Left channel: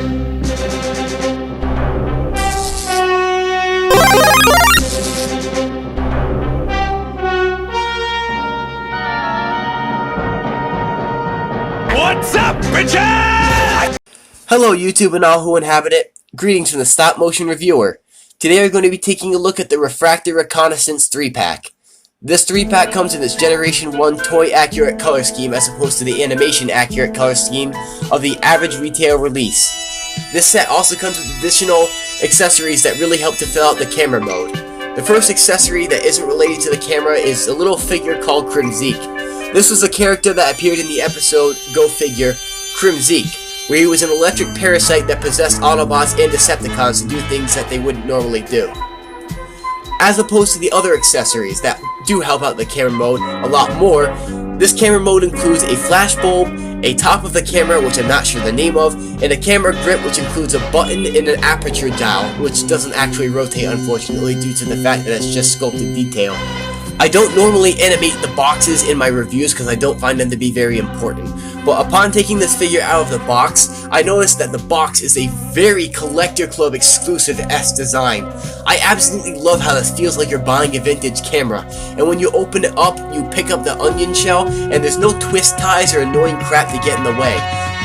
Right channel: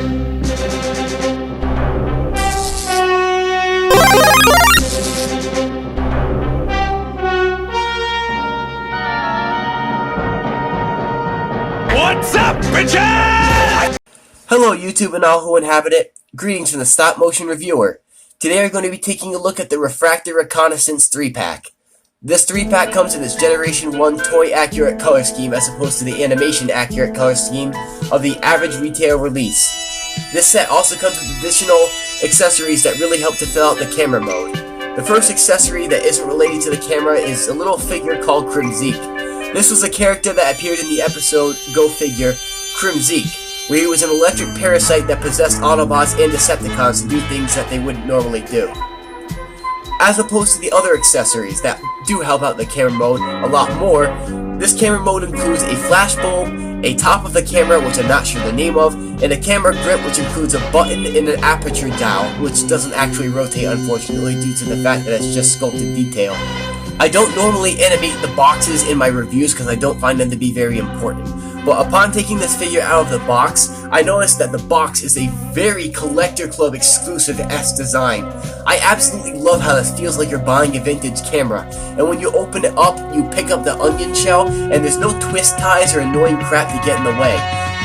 What's up, bitches? Hello YouTube and all who inhabit it. Greetings from the Stop Motion Reviewer. Today we're going to be taking a look at the Refraktor Reconnaissance 3-pack. This 3-pack comes in its Generation 1 toy-accurate color scheme as opposed to the animation-accurate color scheme of the average retail release. This set also comes with additional accessories that really help to fill out the camera mode. The first accessory that isn't related to the camera is a little figure called Crimzeek. This was a character that appeared in the episode Go Figure Crimzeek, where he was an electric parasite that possessed Autobots and Decepticons to do things that they wouldn't normally do. As opposed to the other accessories that do help out the camera mode a lot more, this camera mode includes a flash bulb, a top of the camera which I'm not sure the name of, and a camera grip which includes a button and an aperture dial, which doesn't actually rotate unfortunately due to the fact that it's just sculpted detail. I don't normally animate the boxes in my reviews because I don't find them to be very important, but upon taking this figure out of the box, I noticed that the box is a very Collector Club exclusive-esque design. I absolutely love how this feels like you're buying a vintage camera, and when you open it up, you pick up the onion shell, and there's no twist ties or annoying crap to get in the way.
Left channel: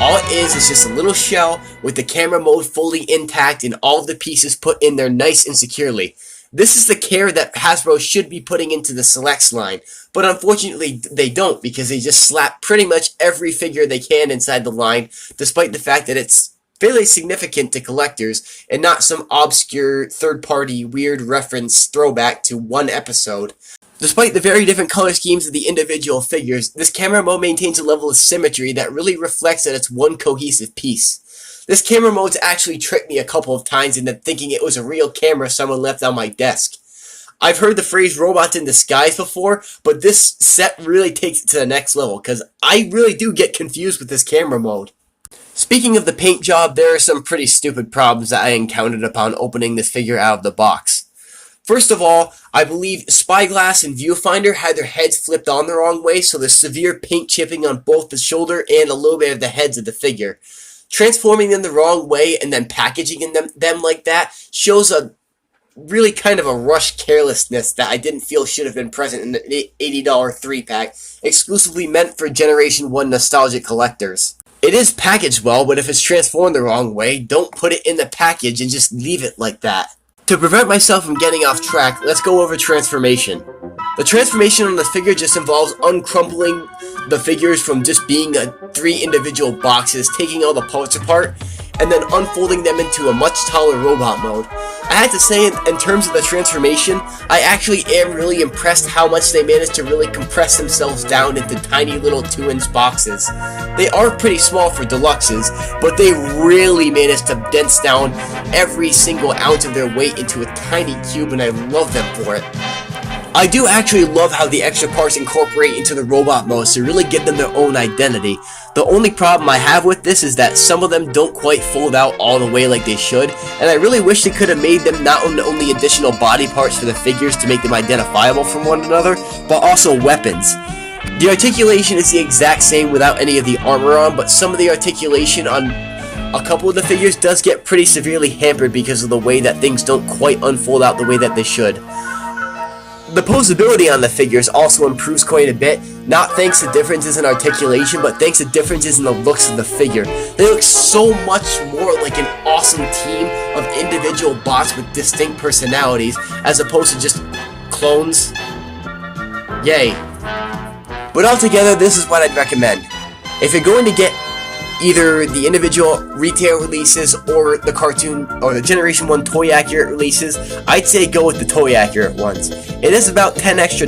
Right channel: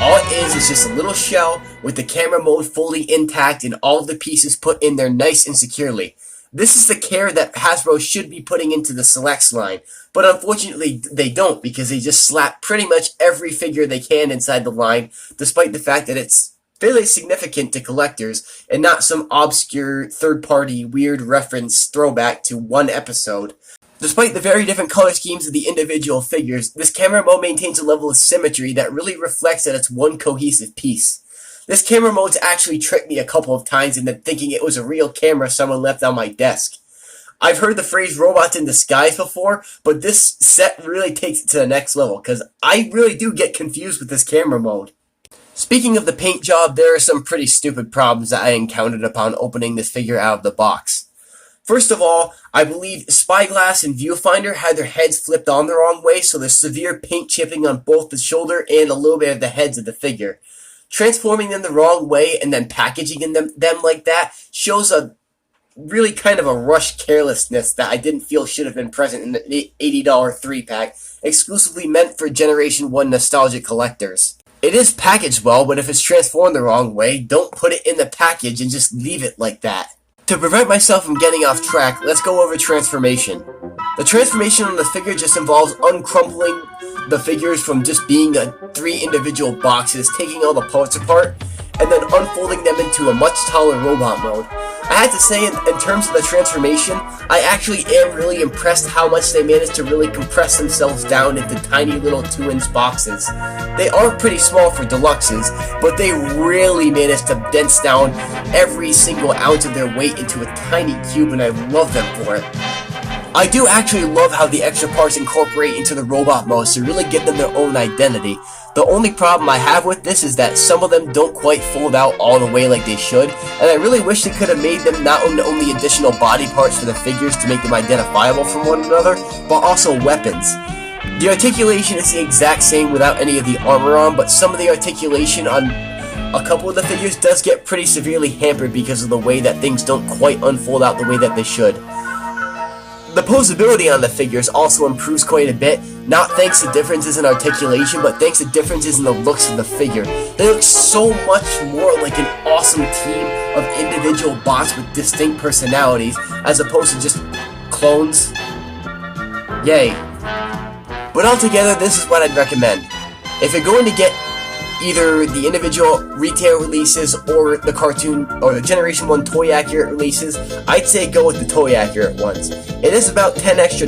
All it is just a little shell with the camera mode fully intact and all of the pieces put in there nice and securely. This is the care that Hasbro should be putting into the Selects line, but unfortunately they don't because they just slap pretty much every figure they can inside the line, despite the fact that it's fairly significant to collectors and not some obscure third-party weird reference throwback to one episode. Despite the very different color schemes of the individual figures, this camera mode maintains a level of symmetry that really reflects that it's one cohesive piece. This camera mode's actually tricked me a couple of times into thinking it was a real camera someone left on my desk. I've heard the phrase robots in disguise before, but this set really takes it to the next level, because I really do get confused with this camera mode. Speaking of the paint job, there are some pretty stupid problems that I encountered upon opening this figure out of the box. First of all, I believe Spyglass and Viewfinder had their heads flipped on the wrong way, so there's severe paint chipping on both the shoulder and a little bit of the heads of the figure. Transforming them the wrong way and then packaging them like that shows a really kind of a rush carelessness that I didn't feel should have been present in the $80 3-pack, exclusively meant for Generation 1 nostalgic collectors. It is packaged well, but if it's transformed the wrong way, don't put it in the package and just leave it like that. To prevent myself from getting off track, let's go over transformation. The transformation on the figure just involves uncrumpling the figures from just being 3 individual boxes, taking all the parts apart, and then unfolding them into a much taller robot mode. I had to say, in terms of the transformation, I actually am really impressed how much they managed to really compress themselves down into tiny little 2-inch boxes. They are pretty small for deluxes, but they really managed to dense down every single ounce of their weight into a tiny cube, and I love them for it. I do actually love how the extra parts incorporate into the robot modes to really give them their own identity. The only problem I have with this is that some of them don't quite fold out all the way like they should, and I really wish they could have made them not only additional body parts for the figures to make them identifiable from one another, but also weapons. The articulation is the exact same without any of the armor on, but some of the articulation on a couple of the figures does get pretty severely hampered because of the way that things don't quite unfold out the way that they should. The posability on the figures also improves quite a bit, not thanks to differences in articulation, but thanks to differences in the looks of the figure. They look so much more like an awesome team of individual bots with distinct personalities, as opposed to just clones. Yay. But altogether, this is what I'd recommend. If you're going to get either the individual retail releases or the cartoon or the Generation 1 toy accurate releases, I'd say go with the toy accurate ones. It is about $10 extra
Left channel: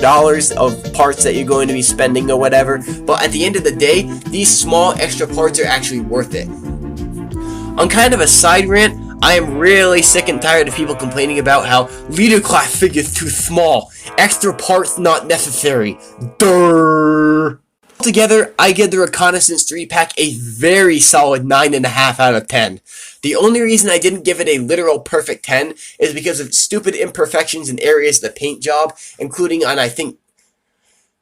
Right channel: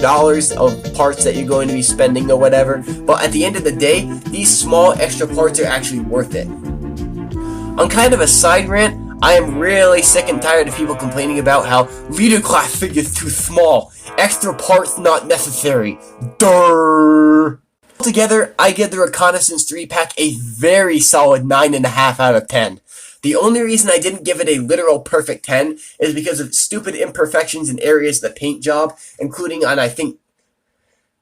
of parts that you're going to be spending or whatever, but at the end of the day, these small extra parts are actually worth it. On kind of a side rant, I am really sick and tired of people complaining about how leader class figures too small, extra parts not necessary. Durr. Altogether, I give the Reconnaissance 3-pack a very solid 9.5 out of 10. The only reason I didn't give it a literal perfect 10 is because of stupid imperfections in areas of the paint job, including on, I think,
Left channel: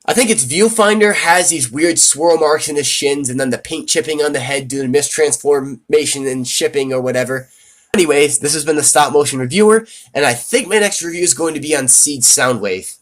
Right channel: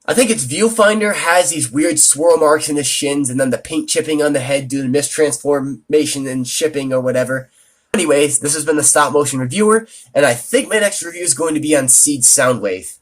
I think its viewfinder has these weird swirl marks in his shins and then the paint chipping on the head due to mistransformation and shipping or whatever. Anyways, this has been the Stop Motion Reviewer, and I think my next review is going to be on Seed's Soundwave.